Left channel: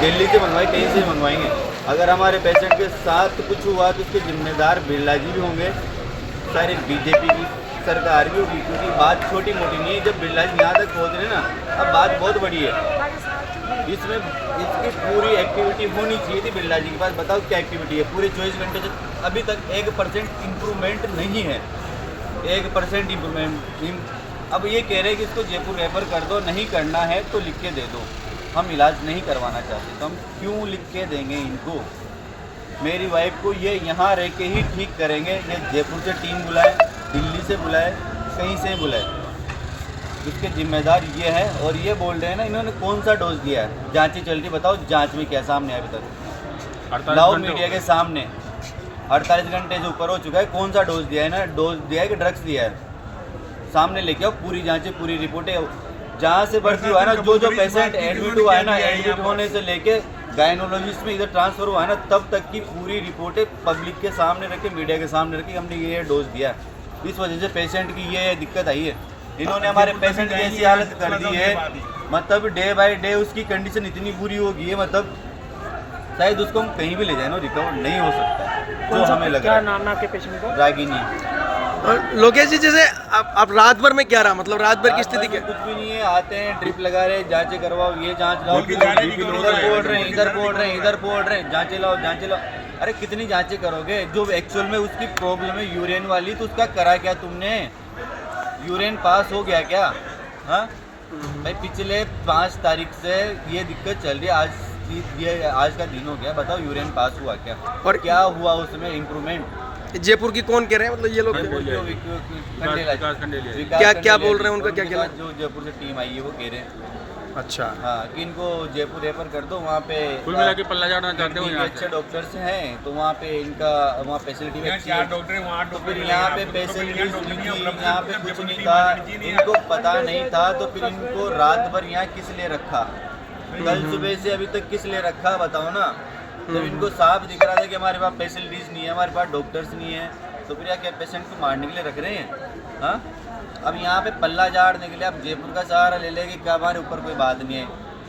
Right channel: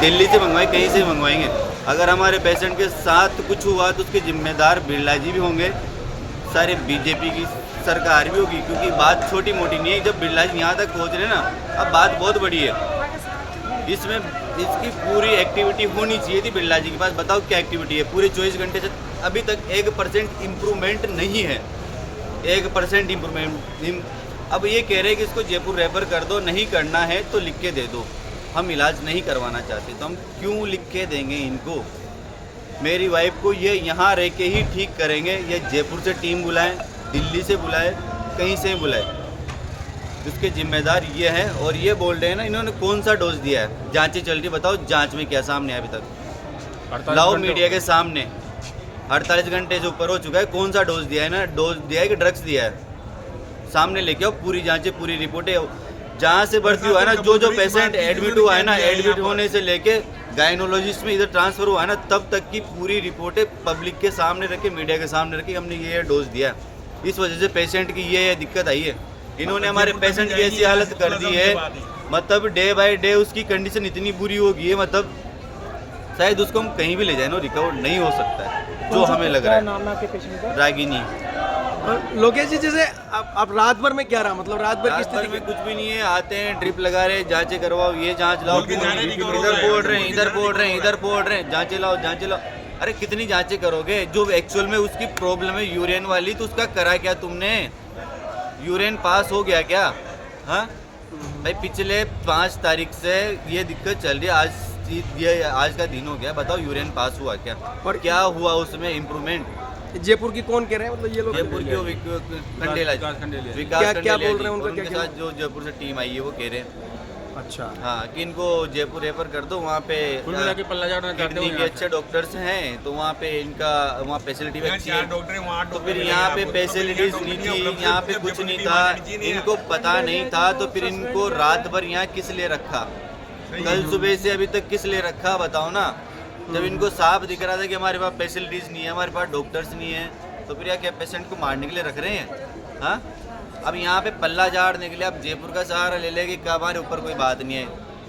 दिल्ली से मंगवाए, कहीं से मंगवाएंगे। अगर हमारे पेशेंट के साथ कुछ हुआ तो उसके जिम्मेदार बिरला जी भी होंगे, सारे बीजेपी की सरकार भी होगी, क्योंकि बात छोटी मोटी नहीं है। जब बिरला जी यहाँ तक पहुँच रहे ना, अब बात बहुत बड़ी है। इसमें इसकी पूरी एक्टिविटी होनी चाहिए थी बिरला जी के पास। बताओ क्या एक्टिविटी है? पूरे 24 घंटे से अभी तक 1% इम्प्रूवमेंट नहीं है, 1% इम्प्रूवमेंट। अब ये कह रहे हैं कि इसको जयपुर रेफर कर दो, नहीं करना है तो लिख के दे दो। हम इलाज नहीं करवाना चाहते तो हम क्यों लिख के देंगे इनको? मेरी वाइफ को ये यहाँ रह के ही ठीक करेंगे। ये जयपुर से टीम बुलाए, दिल्ली से बुलाए, कहीं से बुलाए, उसके जिम्मेदार ये है। और ये बोल रहे हैं ना, इन्होंने कौन सा डोज दिया है? जांचें चल रही, बताओ जांच में क्या सामने है अभी तक? लाओ मीडिया के सामने। 48 घंटे से ऊपर हो चुका है, कौन सा डोज दिया है? ना डोज दिया है कि ड्रग्स दिया है? सामने लेके आओ पूरी जांचें, पूरी रिपोर्टें। जहाँ से भर्ती हुआ है ना, जो पेशेंट एडमिट हुआ है ना, एडमिट होने से लेके गायनोलॉजिस्ट में इधर ट्रांसफर हुआ है ना, तब तक की पूरी रिपोर्टें पब्लिक के सामने रखे, मीडिया के सामने रखी, हमने ये डोज दिया। इस वजह से पेशेंट की ये दिक्कत आई है। इन्होंने हमारे पेशेंट की ऐसी हालत कर दी है, मतलब डे बाय डे उसकी कंडीशन इतनी बुरी हो गई है, मतलब शायद उसको हम कहीं भी ले जाए ना, रिकवर नहीं हो सकता है, जो हमें लग रहा है। नाम आपके पेशेंट का? रागिनी। लोकेश जी, जैसे आप रात भर में क्या रहा, मतलब रात भर की स्थिति क्या? कुछ भी नहीं है, आते हैं ड्रिप लगा रहे, जांचें करवाओ, ये जांच लाओ, इधर बोल रहे हैं, इधर बोल रहे हैं, इधर बोल रहे हैं, जांचें लाओ, जांचें लाओ। अरे कितनी जांचें करोगे? जो एक्चुअल में उसकी प्रॉब्लम है यूरिन वाली, तो उसका करा क्या तुमने? यूरिन पास हो गया क्या? हाँ भाई, पिछले 5 तारीख से ये दिक्कत चल रही है, आज का दिन हो गया, बताओ यूरिन पास हुआ क्या? और क्या हुआ उसमें इम्प्रूवमेंट? जयपुर की कौन कह रहे हैं, मतलब ये लोग क्या बोल रहे हैं? उनका क्या कहना? जो जयपुर से टीम आई है वो कह रहे हैं अच्छा, हाँ, कि इनको जयपुर रेफर कर दो। वहाँ पे कुल मिला के पल्ला झाड़ना चाहते हो। अच्छे डॉक्टर्स हैं तो वहाँ पे इनका वहाँ फैसिलिटी अच्छी है। तो फिर यहाँ पे फैसिलिटीज नहीं थी, यहाँ पे कुछ नहीं था, इनको पता नहीं था, तो फिर इनको रात भर यहाँ किस लिए रखा? कल सुबह से अभी तक किस लिए रखा बताओ ना? जब इनको साफ दिख रहा था कि हमारे पास फैसिलिटीज नहीं है, हमारे पास डॉक्टर्स नहीं है, तो फिर क्या पेशेंट को मारने के लिए रख रहे हैं? हाँ, अब यहाँ पे पल्ला झाड़ने के लिए अब जयपुर का सहारा ले लेंगे, क्या हमारे ऊपर कोई बात नहीं है,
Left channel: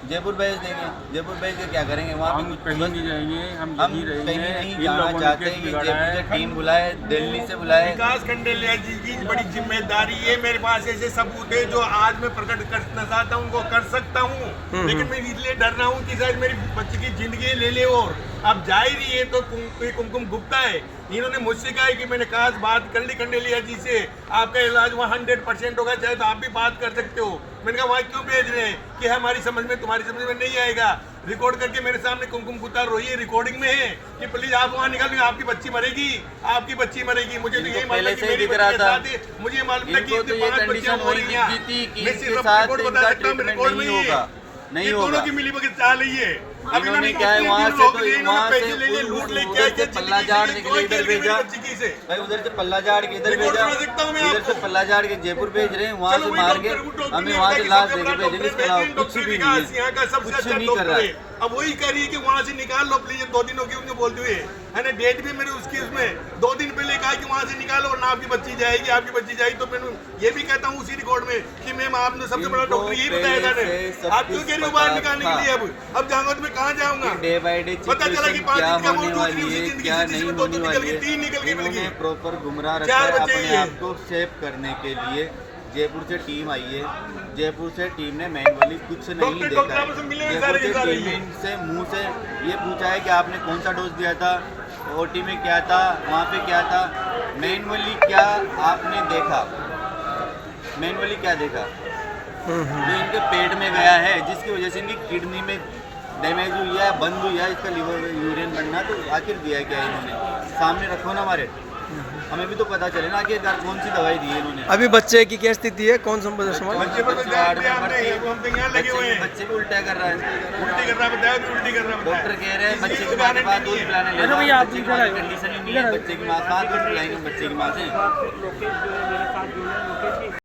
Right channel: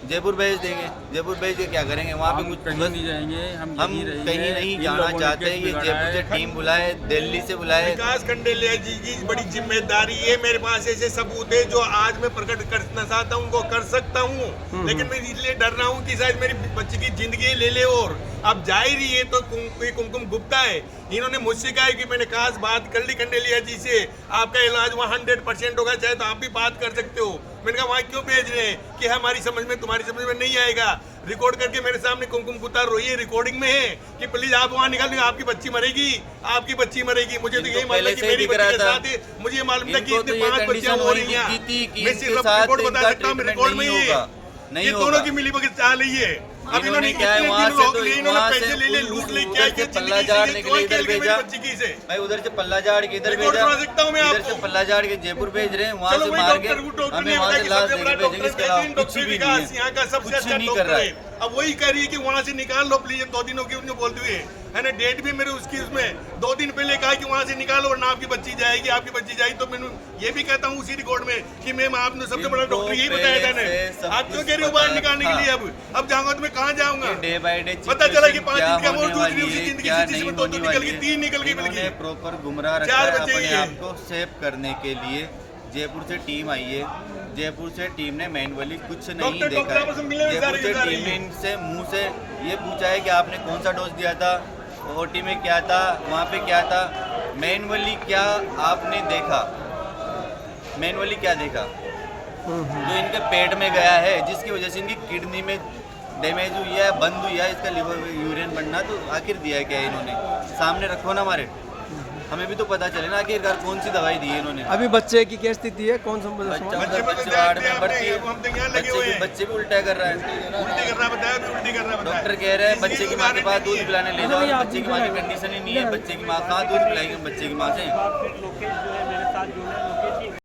जयपुर भेज देंगे। जयपुर भेज के क्या करेंगे? वहाँ पे कुछ कहीं नहीं जाएंगे, हम कहीं नहीं जाना चाहते। ये जयपुर से टीम बुलाए, दिल्ली से बुलाए। विकास खंडेलिया जी की बड़ी जिम्मेदारी है। मेरे पास ऐसे सबूत है जो आज मैं प्रकट करना चाहता हूँ, उनको कर सकता हूँ, लेकिन मैं इसलिए डर रहा हूँ कि शायद मेरी बच्ची की जिंदगी ले ले। और अब जा ही रही है तो कोई कुमकुम गुप्ता है। इन्होंने मुझसे कहा है कि मैंने खास बात कर ली खंडेलिया जी से, आपका इलाज वहाँ 100% होगा, चाहे तो आप भी बात कर सकते हो। मैंने कहा वहाँ क्यों भेज रहे हैं कि हमारी समझ में, तुम्हारी समझ में नहीं आएगा। रिकॉर्ड करके मेरे सामने कुमकुम गुप्ता रोई है, रिकॉर्डिंग में है कि प्लीज आप वहाँ निकाल, आपकी बच्ची मरेगी, आपकी बच्ची मरेगी। मुझे तो ये मालूम कि मेरी बच्ची के साथ है, मुझे ये मालूम था कि 5 बच्चियां हो रही हैं। मैं सिर्फ रिकॉर्ड बता सकता हूँ, रिकॉर्ड में ही है, ये दोनों की मिली भगत चाल ही है। अब इन्होंने क्या है, वहाँ पैसे ले ले, लूट ले, क्या से पल्ला झाड़ने के लिए इधर भेजा भाई, उधर से पल्ला झाड़ के इधर भेजा, इधर से पल्ला झाड़ के जयपुर भेज रहे हैं, वहाँ से मार के हमें वहाँ से लाश देके भेजेंगे। इसके अलावा कुछ भी नहीं है, यहाँ का सबसे अच्छा नहीं कर रहा है। अब वही कह रही है कि वहाँ से निकाल लो प्लीज। 2 दिन हो गए उनको बोलते हुए, है ना, डेट भी मेरे उसकी उसमें 2 दिन पहले कहा कि वहाँ से निकालो वरना आपकी बच्ची जाएगी, आपकी बच्ची जाएगी। तो मैं ये भी कहता हूँ उसी रिकॉर्ड में कि मैम आपने सबसे बड़ा डॉक्टर यही बताया था ने, आप क्यों कह रही हो बाहर निकालने के लिए? अब जाऊंगा तो मैं कहाँ जाऊंगा? डे बाय डे पता चला कि 5 दिन का होने वाली है, क्या नहीं जिंदगी होने वाली है। 3 निकल गई। इन्होंने प्रॉपर गुमराह रखा है अपने आप को सेव करने के लिए। जयपुर से टीम आई है, जयपुर से टीम ने मैनुअली कुछ नहीं देखा है। जयपुर से टीम ने इनसे मुंह से ये पूछा है कि आपने कौन सा डोज दिया था, ओटी में क्या था, वहाँ पे क्या था, मैनुअली क्या आपने देखा, मैनुअली क्या देखा? जो इनके पेट में गया है, जिसकी वजह से इनकी किडनी में डैमेज हुई है, बंद हुई है, इसका लिवर में यूरिन बनना, तो आखिर दिया है क्या इन्होंने? सामने रखो ना हमारे, हमें भी तो पता चले ना आखिरकार कौन सी दवाई दी है इन्होंने। अभी बच्चे की क्या स्थिति है, कौन समाज? बच्चे भी उल्टा कर रहा है, डॉक्टर कह रहे हैं बच्चे की माँ के बाद दूध पिलाने ले, बच्चे की कंडीशन ही नहीं है, बच्चे की माँ कहाँ दूध पिलाएगी बच्चे की माँ से?